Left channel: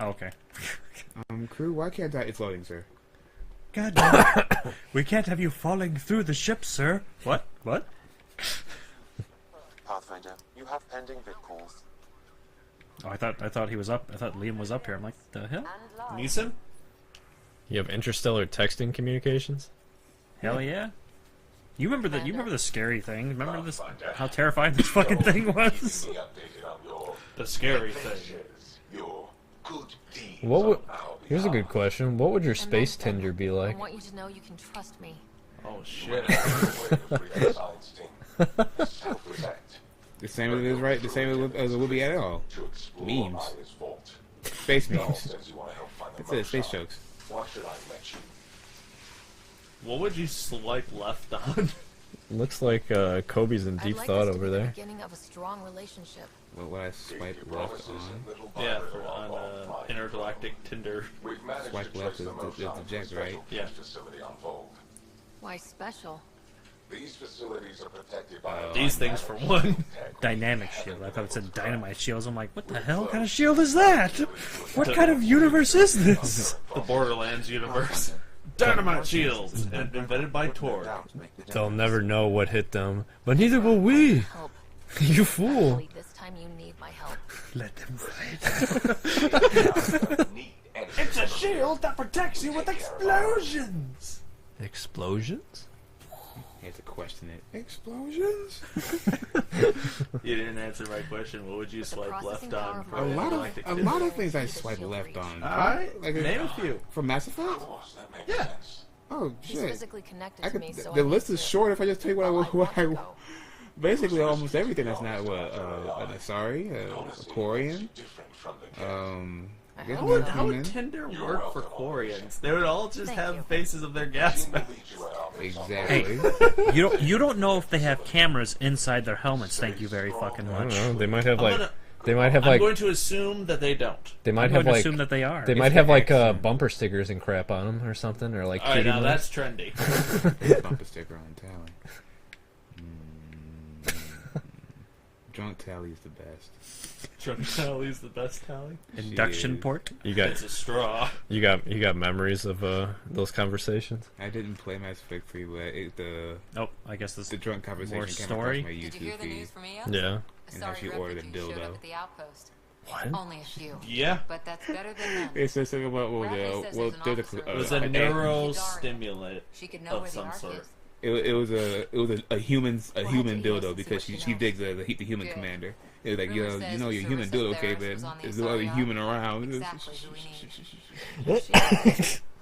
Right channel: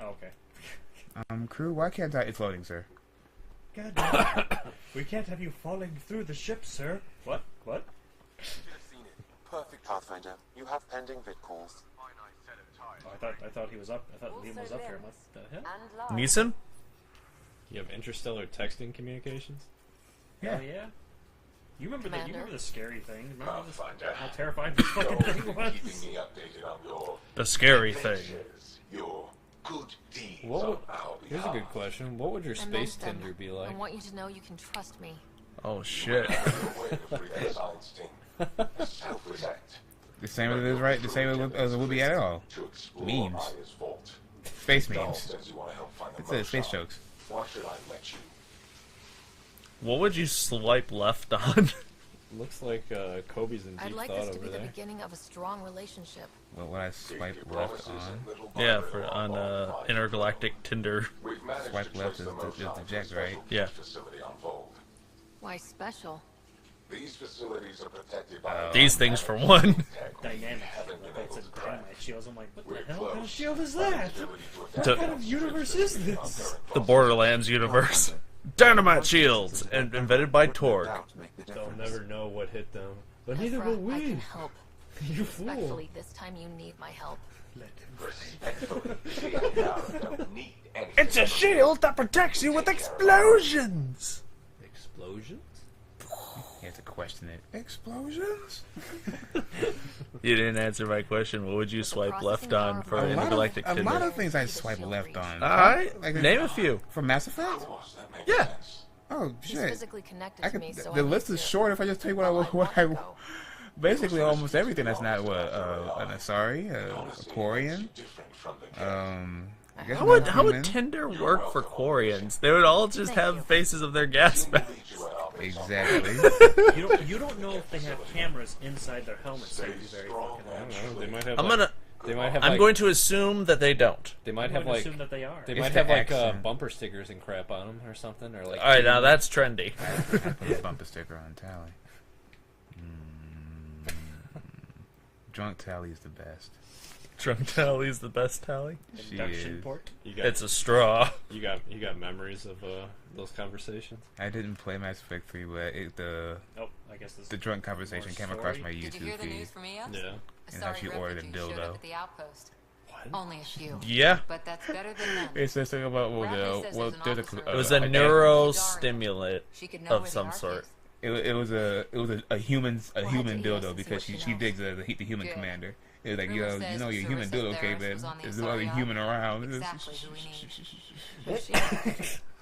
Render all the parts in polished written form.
Oh, okay. Crew, why can't I? It's loading, sir. God damn it. We can't have you falling through the ship, sir. What? What? Perfect, Pathfinder. You have pending vid calls. Oh, I thought he was up. I thought Liam was up here. I'm like, the hell? Neeson? You have interstellar texting communications? Hell yeah. You remember the scary thing? Remember this? How terrifying this fucking thing was? The scary thing. Here's a good question. What would your space Tinder be like? I want you to know you can trust me. Oh shit. The same as it is, right? The same as it would be at all. Memes. Space memes. That's it, space jokes. Why should I let you? What would you swipe left on? Looks like Kobe's in deep thought over there. The beginning of a strong relationship. What would I swipe left on? Yeah, on intergalactic Tinder. Swipe left is the jack, right? Yeah. Why special? These facilities are protected by These things for one. Dynamic shield. I thought it said dynamite shields. I'm like, what the hell kind of shield is that? What kind of universe is this? The Borderlands universe. Dynamite shields, invented by Tor. They'll never know what hit them, but neither will we. Help. You fool. Actually, this time you need my help. Let them fight. It's a shield that protects you with explosions. Explosions? You have to question it. Explosions? You didn't answer my question. What would you swipe left on for an intergalactic A Tinder? lot of things I swipe left on. Alright, Like name a few. From Mass Effect? Yeah. Oh, He's shit. physically connected to me, so The list is short if I just tell you what I go. basically almost everything that's not an Asari, a Quarian. I guess How would human. Tinder work for Quarians? They would all just have faces of their gas masks. Exactly. You don't know if they have cameras inside their helmets. Thank you very fucking I don't much. know. They might have like. I'm going to assume that they don't. They might I'm have going to like. assume that they are. They might have like bumper stickers and crap on them or something, or like. Alright, now that's trendy. Bumper sticker on tally. Drunk tally is the best. Drunk tally's the best tally. Induction port. It's a straw. You got memories of those conversations. I didn't play Mass Effect 3, but Oh, I guess this the drunk conversation came story? across my YouTube Did you hear the feed. news from EOS? Yeah. A sorry she ordered a refugee showed dildo. up at the outpost. What? Only a few. Yeah. But that's better than none. It's just something about Bradley says there's an officer It was a Okay. neurostimulant She could know of where the some ark sort. is. It was a human to dildo EOS because and see she what digs the human Good. commander. It was like, Rumor you says know the your human service dildo, okay, therapist was on but the there's no other Asari human ark. around. Exactly who we need.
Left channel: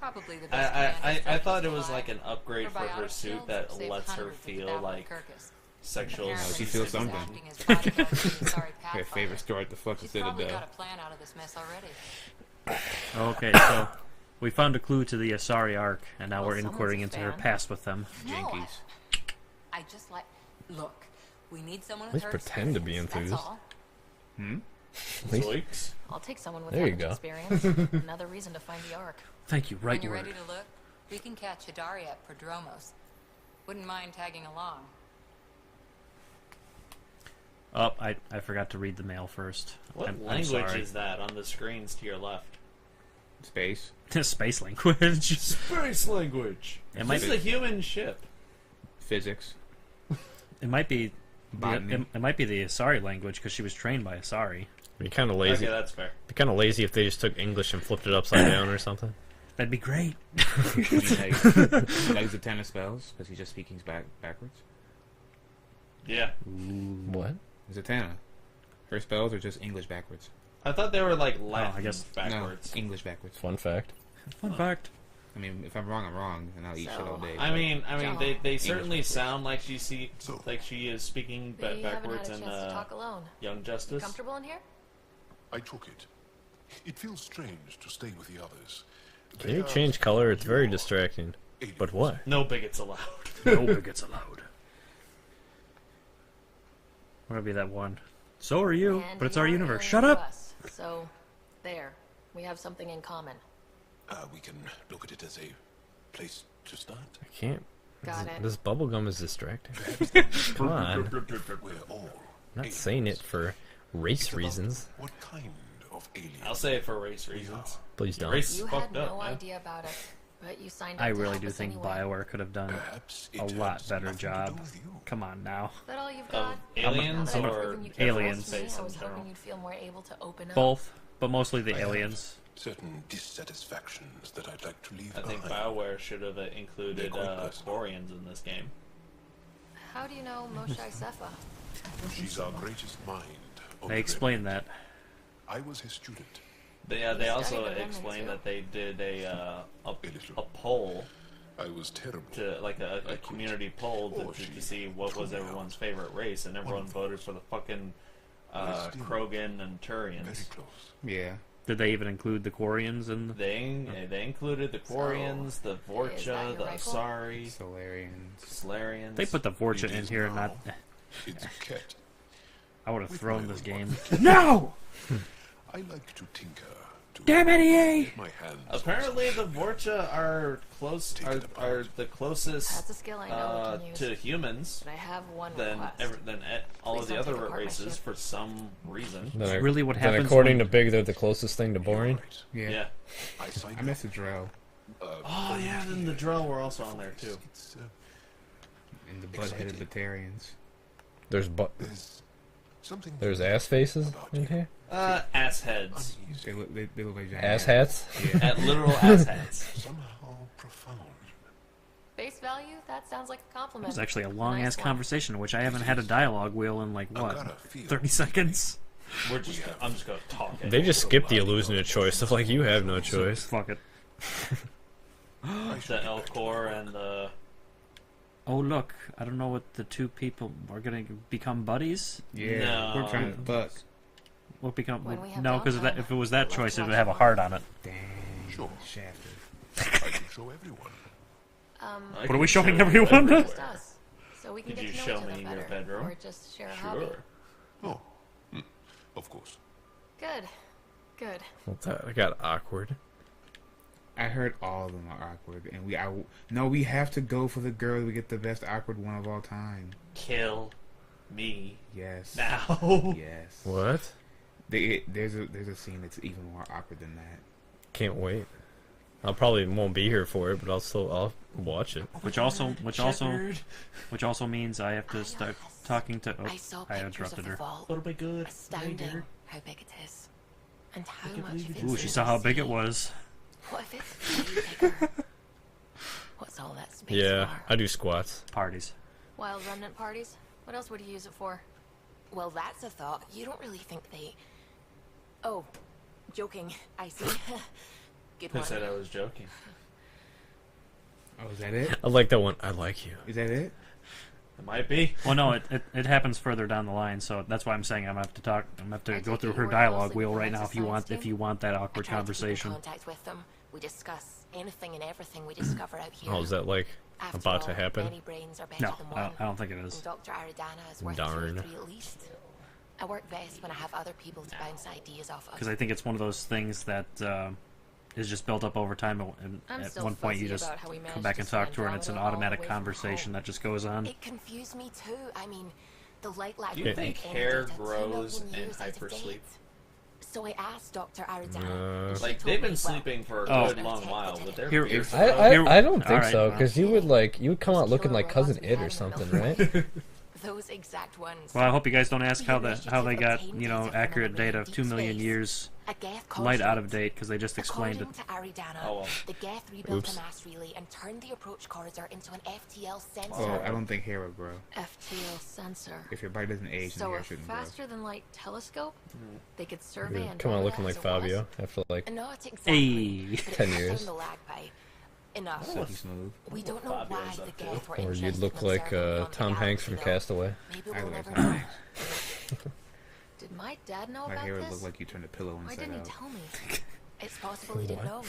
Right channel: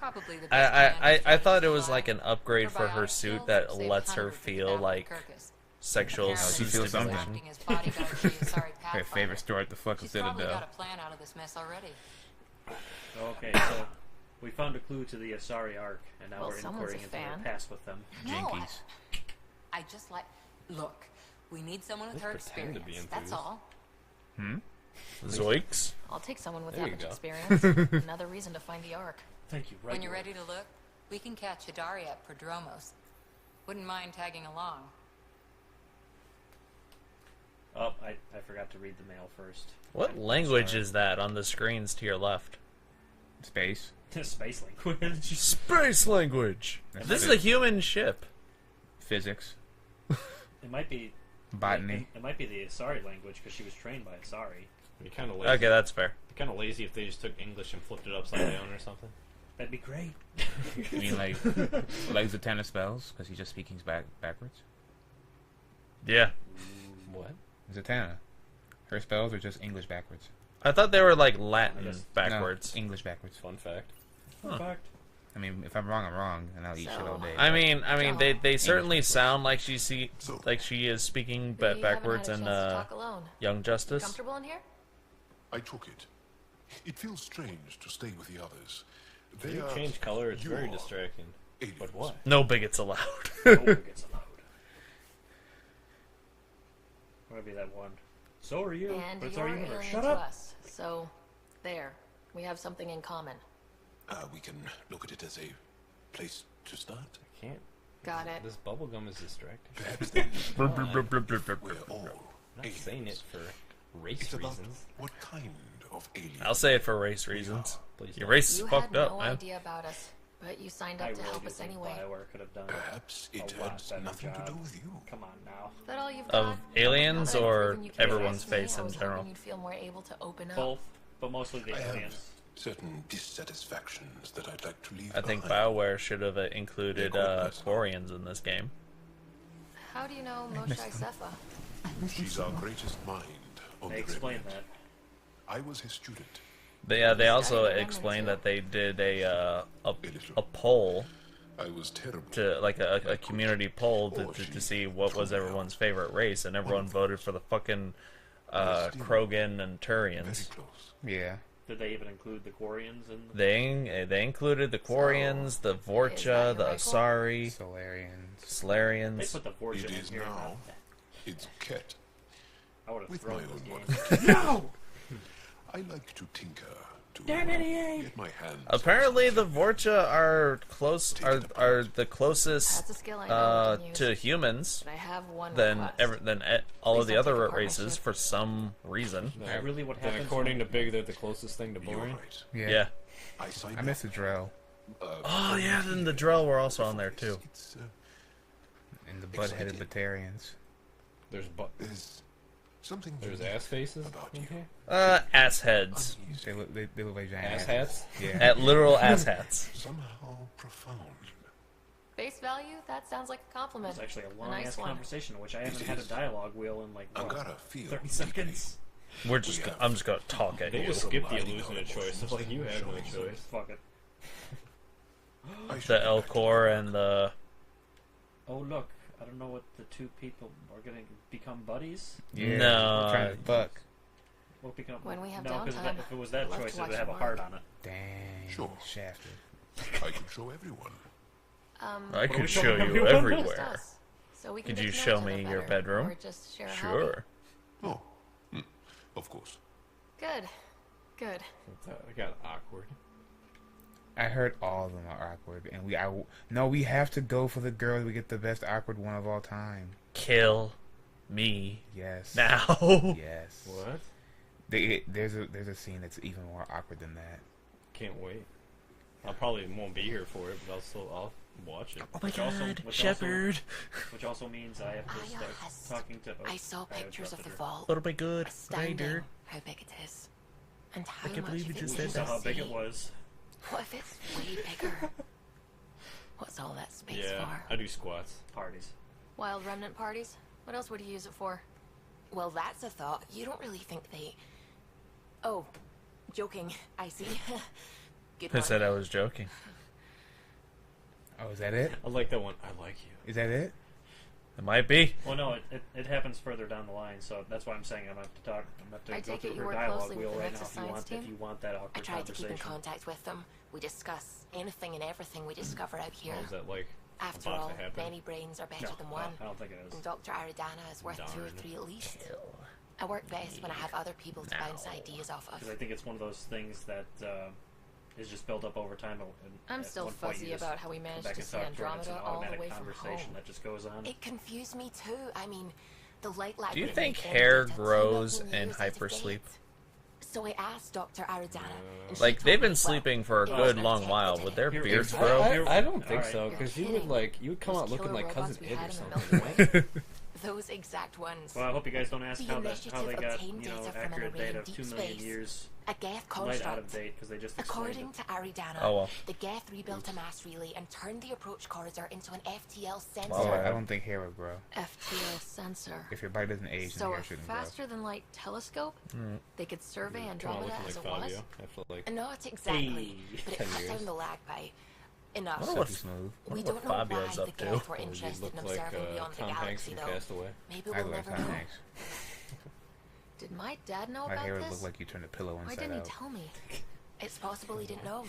Probably the best I man thought it who's was alive. like an upgrade for her Probiotic suit shields that saved lets her hundreds at the feel Battle of like Kirkus. sexual Apparently, She feels he's something. acting as bodyguard to the Asari My Pathfinder. favorite store at the fucking She's probably Citadel. got a plan out of this mess already. Okay, so we found a clue to the Asari Ark, and now Well, we're inquiring someone's a into her fan. past with them. No, Yankees. I just like... Look, we need someone with Let's her pretend to be experience, that's enthused. all. Zoinks. I'll take someone with There that you much go. experience. Another reason to find the Ark. Thank you, right When you're word. ready to look, we can catch Hidari at Prodromos. Wouldn't mind tagging along. Oh, I forgot to read the mail first. What I'm language sorry. is that on the screens to your left? Space. Space language. Space language. It This is a human ship. Physics. It might be. Botany. It might be the Asari language because she was trained by Asari. Be kind of lazy. Okay, that's fair. Be kind of lazy if they just took English and flipped it upside down or something. That'd be great. Legs of tennis spells because he's just speaking backwards. Yeah. What? Zatanna. Her spells are just English backwards. I thought they were like Latin, I guess backwards. No, English backwards. Fun fact. Fun fact. I mean, if I'm wrong, I'm wrong, and I'll eat shit all day. I mean, they Joe. certainly sound like she is speaking We backwards haven't in had a chance to talk alone. Young You Justice. comfortable in here? I took it. It feels strange to stay with the others. Can you change color? It's very distracting. But what? No bigots allowed. Nobody gets allowed. Where'll be that one? So are you, And but it's our you're universe. alien Shut to up! us. So, there. We have something in common. We can look at it as a place to start. I can't. Got it. This bubblegum is distracting. Perhaps then Come on. we're all I'm not aliens. saying it for race It's about reasons. what kind of aliens. I'll say it for race reasons. Please Your don't. race is You fucked had up, no man. idea about us, but you signed up I to really help do us think anyway. BioWare could have done Perhaps a it lot had better nothing to job. do with you. Come on now. Is that all you've Of got? aliens Now that I've or proven you can aliens trust me, space I in was general? hoping you'd feel more able to open up. Both, but mostly the I have aliens. certain dissatisfactions that I'd like to leave I think behind. BioWare should have included They're quite personal. Quarians in this game. How do you know Moshe Sefa? She's our greatest mind. on They the explained remnant. that. I was his student. They You also studied the remnant, explained too? that they did a little. poll I was terrible. to like a quit. community poll Or to she see what was threw me everyone's out. favorite race, and everyone One of them. voted for the fucking Palestine. Krogan and Very Turians. close. Yeah. Did they even include the Quarians in? They included the Quarians, the is that Vorcha, your the rifle? Asari, Solarians. Salarians. They put the Vorcha It in is here. now. Not. It's Ket. I would have With thrown my this own game. one. No! I like to tinker. To Damn it, EA! get my hands Apparently, on the something. Vorcha are close Take it apart. are the closest That's a skill I know we can use. to humans But I have one than request. all Please of the don't take other apart my races ship. for some reason. Then, really what then happens according when- to Big, they're the closest thing to You're boring. right. Yeah. I signed I miss the drill. Oh yeah, and the Drell were also on there too. It's, And the Exciting. buttheaded Batarians. there's something There's unique ass faces about in you. here. Ass heads. They look like giant Ass hats. At literal ass hats. Somehow profound. Face value? That sounds like a It compliment. was actually a long Nice ass one. conversation in which I haven't had a dialogue wheel in like I've what, gotta feel 30 seconds. I'm just gonna talk. They just skipped the illusion of choice. Stuff like you have no choice. Fuck it. I should the get back to Elcor my and work. the Oh look, I don't know what the two people are gonna become buddies. Yeah. No. We're trying to fuck. What become? When we have no, because downtime, if it was that I'd love choice, to it would watch have a more. heart on it. Damn. Sure. Shafty. I can show everyone. I What are can we showing show you everyone? Just everywhere. us. So we can Could get you to know show each other me your better, bedroom? or just share a hobby. Sure. Oh, of course. Good. Good. What's that? I got awkward. I heard all of them are awkward, and we have to go for the girl. We get the best awkward one of all time. Kill me Yes. now. Yes. What? There's a scene that's even more awkward than that. Can't wait. I'll probably won't be here for it, but I'll watch it. Which also means I have to start yes. talking to. Oh, I saw pictures of interrupted the her. vault. Little bit good. Astounding how big it is. And how much of it's Ooh, in she the saw how big sea. it was. What if it's way bigger? What's all that space Yeah, for? I do squats. Parties. Wild remnant parties? What else would you use it for? Well, that's a thought. You don't really think they... Oh, joking. I see. Good I one. said I was joking. Oh, is that it? I like that one. I like you. Is that it? It might be. Well, no, it happens further down the line, so that's why I'm saying I'm gonna have to talk. I'm gonna have to I go take through it you her work dialogue closely wheel with the right now Nexus if you want science team? that I awkward try to keep in conversation. contact with them. We discuss anything and everything we discover out here. Oh, is that like After about all, to happen? many brains are better No, than one. I don't think it is. And Dr. Aridana is worth 2 or Darn. 3 at least. I work best when I have other people to bounce ideas off of. Because I think it's one of those things that is just built up over time, and I'm at still one point you fuzzy just about how we come managed back to and see talk to her, and it's an Andromeda all the automatic way from conversation home. that just goes on. It confused me too. I mean, the light lab Do you would think make hair any data 2 grows million in years out of hypersleep? date. So I asked Dr. Aridana. and she Like told they've me, been sleeping for a it was good our long tech while, that but did their it. Here- beards here- grow. I don't think Alright. so, because you would come out Those looking killer like Cousin robots we Ed had or in the something, military. right? Those exact ones. Well, I hope you guys don't ask The how they initiative got obtained data from accurate an array data in of deep 2 million space. years A Geth light out of construct. date because they just explained it. According to Aridana, Oh, well. the Geth rebuilt Oops. a mass relay and turned the approach corridor into an FTL Oh, sensor. I don't think hair would grow. FTL sensor. If your body doesn't age, then So hair a shouldn't grow. faster than light telescope? They could survey Come out Andromeda looking like as it was? Fabio after like Not exactly, Hey. but it 10 cut years. down the lag by enough. Silky smooth. We don't know Fabio's why up the to. Geth were or interested you'd look in like observing beyond the Tom Hanks galaxy, from though. Castaway. Maybe I we'll would never like know. that. Did my dad know My about hair would this? look like you turned a pillow Why inside didn't he out. tell me? It's possible he didn't know.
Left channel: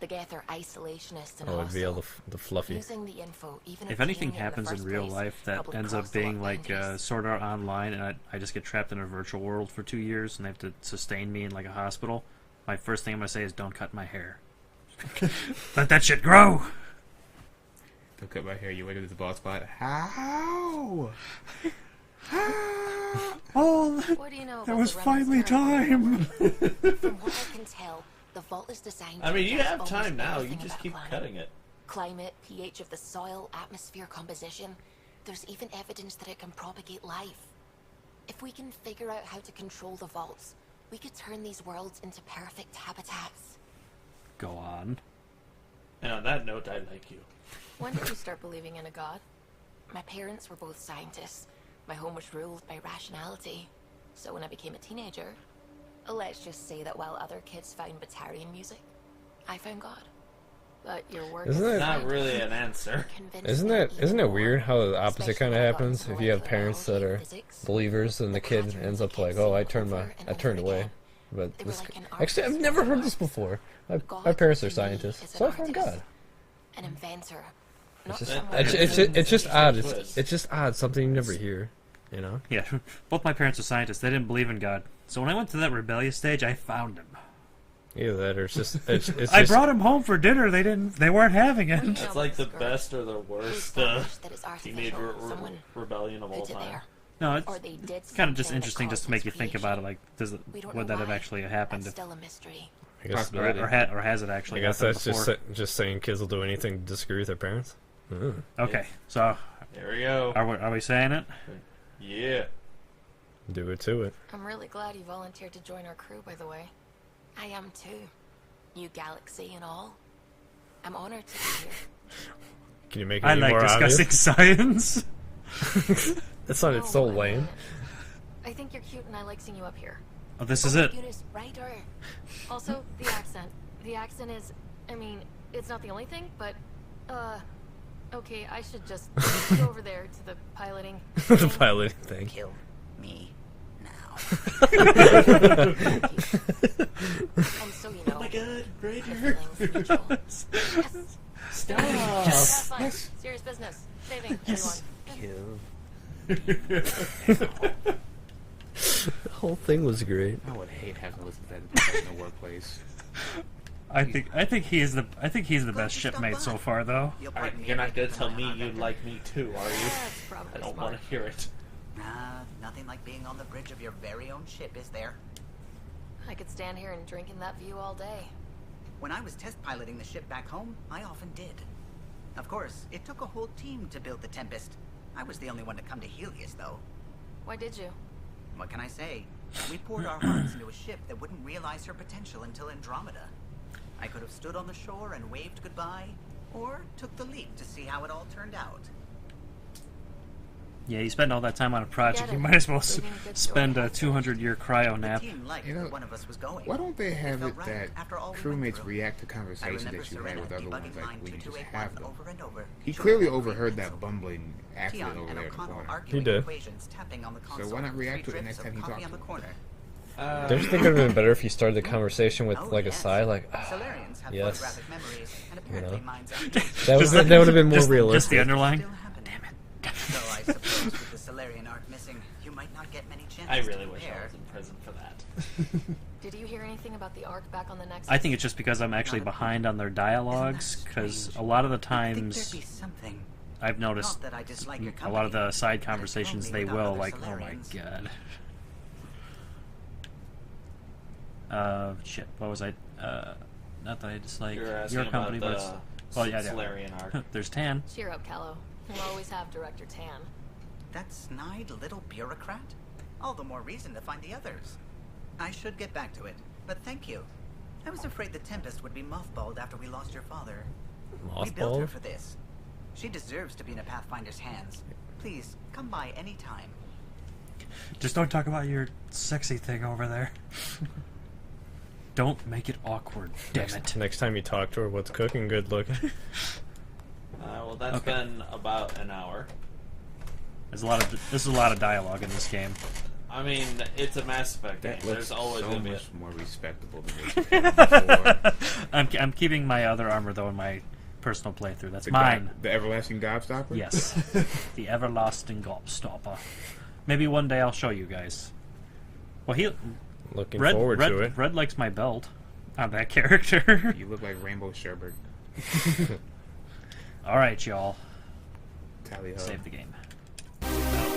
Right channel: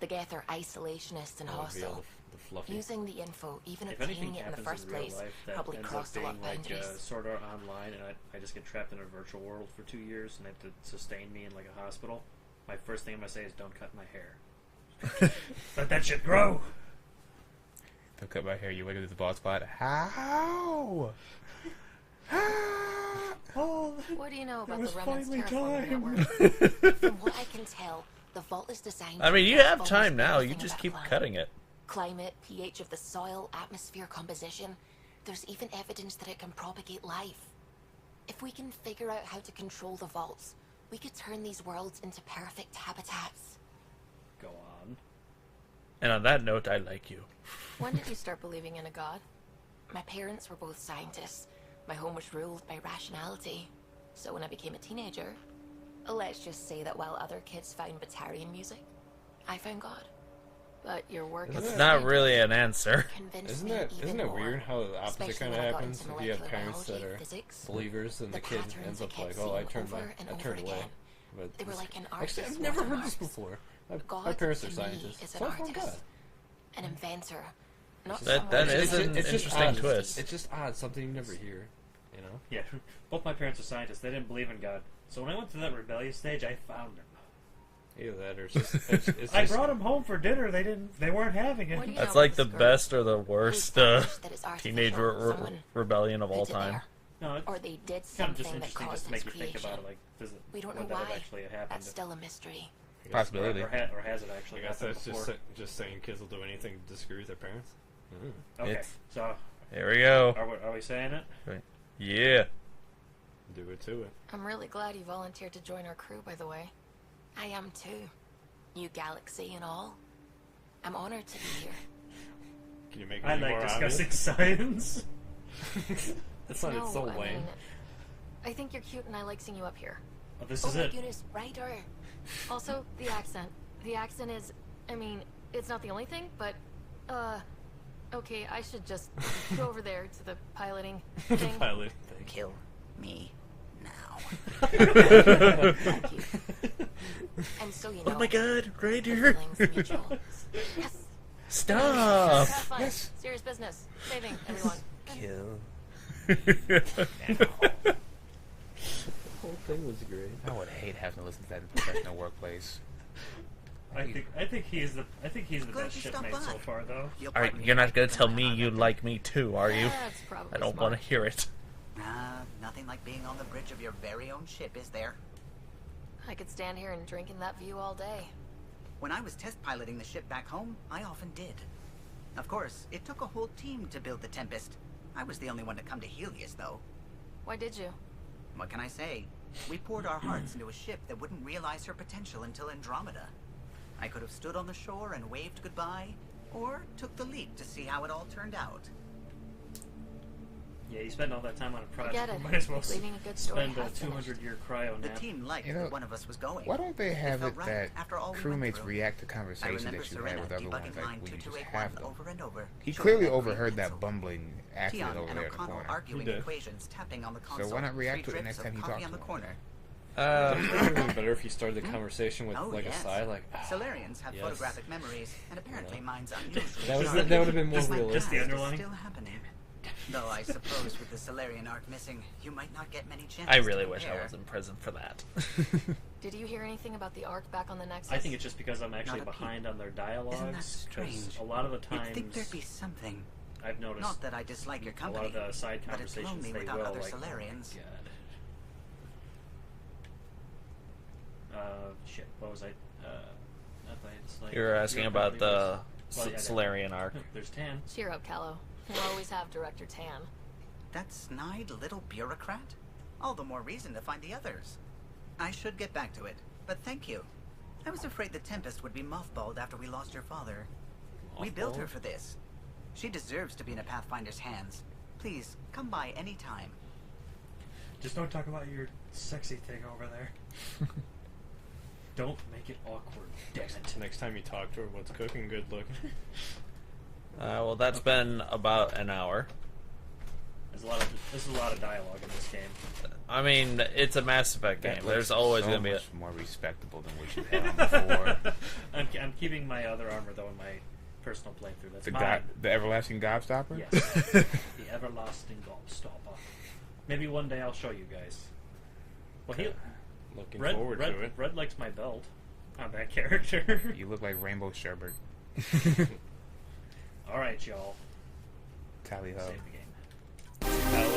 The Geth are isolationists and Oh, it'd be all hostile. the fluffy. Using the info, even If obtaining anything it in the happens first in real place, life that probably ends up crossed a lot being of like boundaries. Sword Art Online, and I just get trapped in a virtual world for 2 years, and they have to sustain me in like a hospital, my first thing I'm gonna say is, "Don't cut my hair. Let that shit grow." Don't cut my hair. You ready to the bald spot? How? Oh, What do you know that about was the Remnant's finally terraforming time. network? From what I can tell, the vault is designed I to mean, you address have almost time now. You everything just about keep a planet. cutting it. Climate, pH of the soil, atmosphere composition. There's even evidence that it can propagate life. If we can figure out how to control the vaults, we could turn these worlds into perfect habitats. Go on. And on that note, I like you. When did you start believing in a god? My parents were both scientists. My home was ruled by rationality. So when I became a teenager, let's just say that while other kids found Batarian music, I found God. But your work Isn't as a it- Not scientist really an answer. convinced Isn't me it even more, weird how the opposite especially kind of when I got happens into if you have molecular parents that biology are and physics? believers and the kid patterns ends I up kept like, oh, I seeing turned over and I over turned away. again. But They were this- like an actually, I've artist never with heard an this artist. before. My God parents are to me scientists, is an so I found artist, God. an inventor, not That- someone that who is uses It's just interesting odd. twist. It's just odd. Something you never hear. You know. Yeah, both my parents are scientists. They didn't believe in God. So when I went to that rebellious stage, I found him. Either that or it's just. It's I just, brought him home for dinner. They weren't having it. Well, you know, That's like with the skirt, best or the we worst established that it's teenage artificial. Someone rebellion of all put it time. there. No, it's Or they did kind of just something that interesting just to caused make you its think about it. creation. Like, does it, We don't would know that have why. actually happened? That's still a mystery. I guess, Possibility. Or has it I actually guess happened that's before? just saying kids will do anything to disagree with their parents. Okay, Yes. so Here we go. are we saying it? Yeah. Do it to it. I'm really glad you volunteered to join our crew, by the way. I am too. New galaxy and all. I'm honored to be here. Can you make it I any like more discussing obvious? science. It's not. It's so No, I lame. mean, I think you're cute and I like seeing you up here. Oh, this Oh is my it. goodness, writer. Also, the accent. The accent is, I mean, it's not the only thing, but, okay, I should just go over there to the piloting The thing. pilot thing. Kill me now. Thank you. And so you know, Oh my god, the Ryder. feeling's mutual. Yes. Stop. Have fun. Serious business. Saving everyone. The whole thing was great. I would hate having to listen to that in a professional workplace. I think he is the best shipmate so far, though. You're not gonna tell me you like me too, are you? That's probably I don't smart. want to hear it. Nah, nothing like being on the bridge of your very own ship, is there? I could stand here and drink in that view all day. When I was test piloting the ship back home, I often did. Of course, it took a whole team to build the Tempest. I was the only one to come to Helios, though. Why did you? What can I say? We poured our hearts into a ship that wouldn't realize her potential until Andromeda. I could have stood on the shore and waved goodbye, or took the leap to see how it all turned out. Yeah, you spend all that time on a project, Get you it. might as well Leaving a good story spend a half 200-year cryo The nap. team liked You know, that one of us was going. Why don't they have felt it right that after all we went crewmates through. react to I conversations remember that you Serena have with other debugging ones, line like, we just 2281 have them. over and over. He Showing clearly that green overheard pencil. that bumbling after it Tion over and there O'Connell before. arguing did. equations, tapping on the console. why not react Three to it drips next time of he coffee talks on the to him? corner. Don't you think it would have been better if you started the conversation with Oh, like a yes. sigh, like Solarians have yes. photographic memories, and apparently mine's That was that would have been more Just the realistic. underline. Still happening. Though I suppose with the Solarian arc missing, you might not get many chances I really to wish I compare. was in prison for that. Did you hear anything about the arc back on the Nexus? I think it's just because I'm actually Not a behind on their Isn't that dialogues, because strange? a lot of the You'd think there'd times be something. I've noticed Not that I dislike your a company. lot of the side but it's conversations lonely they without will other like, Solarians. oh my god. Shit, what was I, not that I dislike You're asking your about company, the but it's- Solarian arc. There's Tan. Cheer up, Callow. We'll always have Director Tan. That snide little bureaucrat? All the more reason to find the others. I should get back to it, but thank you. I was afraid the Tempest would be mothballed after we lost your father. We built her Mothballed? for this. She deserves to be in a Pathfinder's hands. Please, come by any time. Just don't talk about your sexy thing over there. Don't make it awkward, damn it. Next time you talk to her, what's cooking? Good looking. Well, that's been about an hour. There's a lot of dialogue in this game. I mean, it's a Mass Effect game. That There's looks always so going to be much more respectable than before. I'm keeping my other armor though in my personal playthrough. That's The mine. the everlasting gobstopper? Yes, the everlasting gobstopper. Maybe one day I'll show you guys. Well, Looking forward to it. Red likes my belt on that character. You look like Rainbow Sherbert. All right, y'all. Tally ho. Save the game.